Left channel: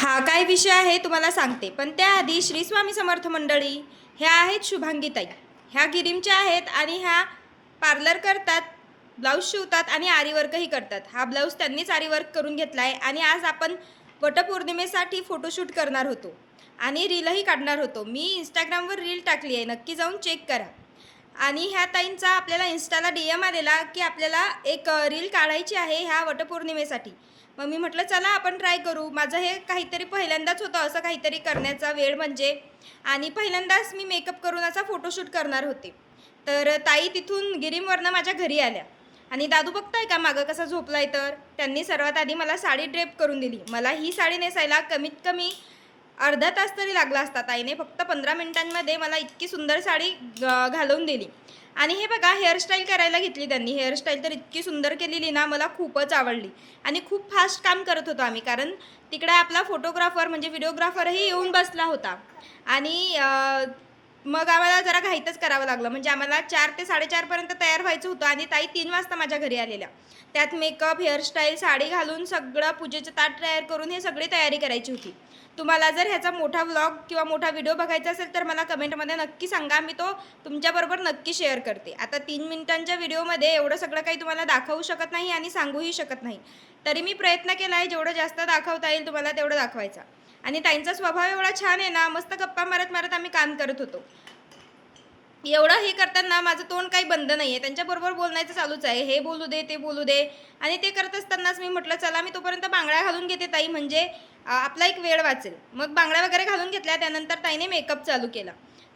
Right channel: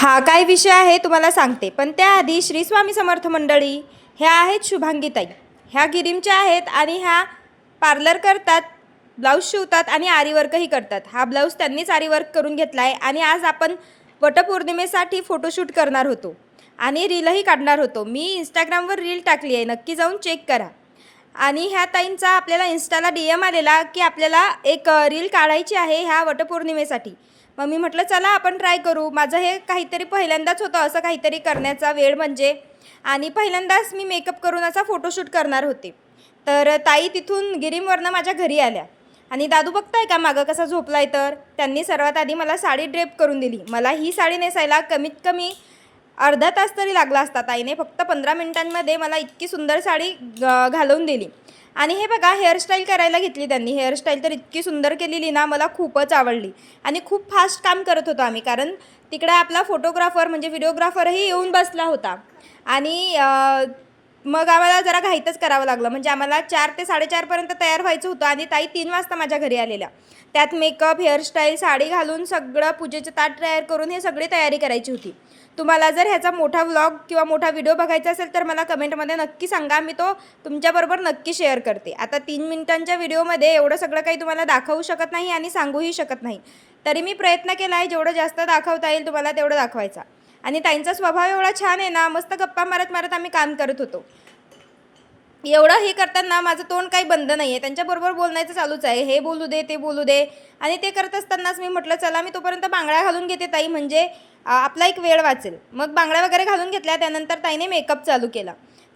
हा काय विषय आहे तुम्हाला सांगते, पण त्याआधी श्री स्वामी समर्थ मंडळी ह्या आहेत शुभांगीताई. ह्या गिरीमच्या आहेत आणि ह्या पार्लर करतात, ब्लाऊज शिवतात आणि आरीवर्कही करतात. हा ब्लाऊज त्यांनीच आरीवर्क करून घेतला आहे आणि आज आपण वटपौर्णिमेसाठी फोटोशूट करणार होतो आणि रीलही काढणार होतो. मी इंस्टाग्रामवर रील टाकली आहे, नक्की जाऊन चेक करा. आणि ह्या ताईंचा आपल्याला इन्स्टाला DM आलेला की आपल्याला एक रील काढायची आहे ह्या वटपौर्णिमेसाठी. मग मी म्हटलं चला आपण ट्राय करू. माझं हे काहीतरी पहिल्यांदाच होतं असं काहीतरी करण्याचा वेळ म्हणजे, आणि पहिल्यांदाच मी मेकअप करून असा फोटोशूट करणार होते. तर ताई तिथून गिरीमवरनं माझ्या घरी आल्या आणि दादू बघताय का मागं कसा झोपलाय. तर त्यांनी सर्वात आधी मला साडी ड्रेप करून दिली. मला ही साडी नेसायला कमीत कमी अर्धा तास तरी लागला असता. ताईने फक्त 15 मिनिटांमध्ये मला इतकी सुंदर साडी घालून दिली. आणि हे बघा हेअरस्टाईल करायला घेतली त्यांनी. हेअरस्टाईल तर इतकी सुंदर केलेली ना, मला खूपच आवडली. आणि खूप फास्ट काम करत होतो आम्ही, कारण तिकडे आपला फोटोग्राफर म्हणजे व्हिडिओग्राफरही येऊन बसला होता. आणि मग आम्हाला जरा घाईतच करावं लागलं. म्हणजे आम्हाला 4 ते 4:30पर्यंत तयार व्हायचं होतं आणि ताई 3 वाजता माझ्या घरी आलेल्या. त्यात मेकअप, हेअरस्टाईल, साडी घालून सगळं पूजेचं ताट तयार करून हे सगळी तयारी करायची होती. तुम्हाला जर ह्याचा मोठा व्लॉग किंवा मोठा व्हिडिओ बघायचा असेल तर मला कमेंटमध्ये नक्की सांगा. मी तो तुमच्याबरोबर नक्की शेअर करते. आता 3 मिनिटांच्या व्हिडिओमध्ये एवढं सगळं काही तुम्हाला दाखवू शकत नाही आणि सांगूही शकत नाही. तरी मी प्रयत्न केला आहे जेवढं जास्त दाखवता येईल तुम्हाला तेवढं दाखवायचा. आणि ताईंचा स्वभाव एवढा छान आहे ना, मस्त गप्पा मारत मारत आम्ही काम करत होतो. एवढं हे करताना माझं तोंड काही बंद नाही आहे. त्यांच्याबरोबर बोलण्याचं चालूच आहे, हे बोलू दे ते बोलू दे. आणि ते करत असतानाच मी म्हटलं चला मी तोपर्यंत बांगड्या घालून घेते ताई, म्हणजे आपला एक वेळ वाचेल. मग बांगड्या वगैरे घालून घेतल्या. त्यानंतर ताईने मेकअप चालू केला.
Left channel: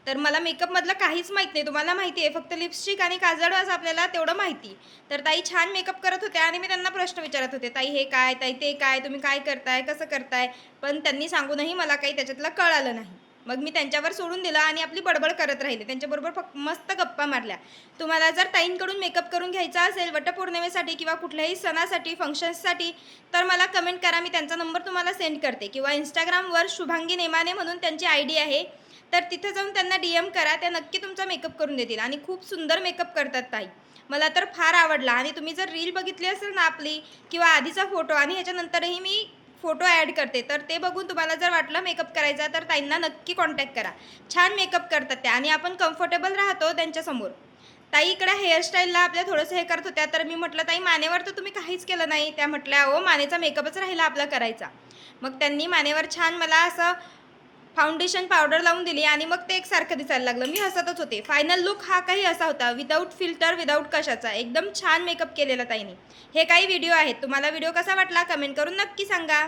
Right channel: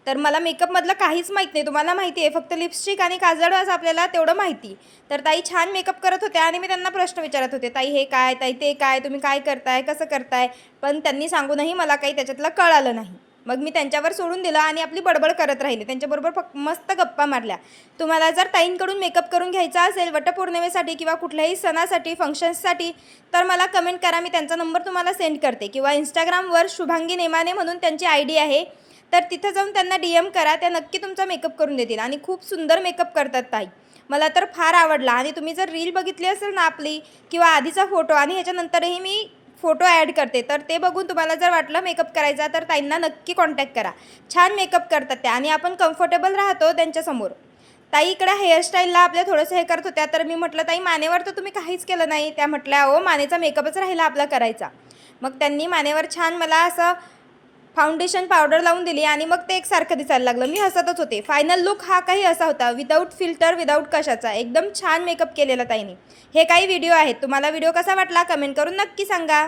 तर मला मेकअपमधलं काहीच माहीत नाही, तुम्हाला माहिती आहे. फक्त लिपस्टिक आणि काजळ असं आपल्याला तेवढं माहिती. तर ताई छान मेकअप करत होत्या आणि मी त्यांना प्रश्न विचारत होते, ताई हे काय, ताई ते काय, तुम्ही काय करताय, कसं करताय. पण त्यांनी सांगूनही मला काही त्याच्यातलं कळालं नाही. मग मी त्यांच्यावर सोडून दिलं आणि आपली बडबड करत राहिले. त्यांच्याबरोबर फक्त मस्त गप्पा मारल्या. तुम्हाला जर ताईंकडून मेकअप करून घ्यायचा असेल वटपौर्णिमेसाठी किंवा कुठल्याही सणासाठी, फंक्शन्ससाठी, तर मला कमेंट करा. मी त्यांचा नंबर तुम्हाला सेंड करते. किंवा इंस्टाग्रामवर शुभांगी नेमाने म्हणून त्यांची ID आहे, तर तिथं जाऊन त्यांना DM करा. त्या नक्की तुमचा मेकअप करून देतील आणि खूप सुंदर मेकअप करतात ताई. मला तर फार आवडला. आणि तुम्ही जर रील बघितली असेल ना आपली किंवा आधीचा फोटो, आणि ह्याच्यानंतरही मी फोटो ॲड करते, तर ते बघून तुम्हाला जर वाटलं मेकअप करायचा तर ताईंना नक्की कॉन्टॅक्ट करा. छान मेकअप करतात त्या आणि आपण कम्फर्टेबल राहतो त्यांच्यासमोर. ताई इकडे हेअरस्टाईलला आपल्या थोडंसं हे करत होत्या. तर मी म्हटलं ताई मानेवर तर तुम्ही काहीच केलं नाही. त्या म्हटल्या हो मानेचा मेकअपच राहिला आपला करायचा. मग त्यांनी मानेवर छान मला असं फाउंडेशन पावडर लावून दिली आणि मग ते एकसारखं दिसायला लागलं. मी हसतच होते. फायनल लुक हा काही असा होता, विदाऊट फिल्टर, विदाऊट कशाचा. एकदम छान मेकअप केलेला ताईने. हे काही व्हिडिओ आहेत. तुम्हाला व्हिडिओ कसा वाटला कमेंट करून नक्की सांगा.